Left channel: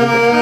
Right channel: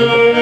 Thank you.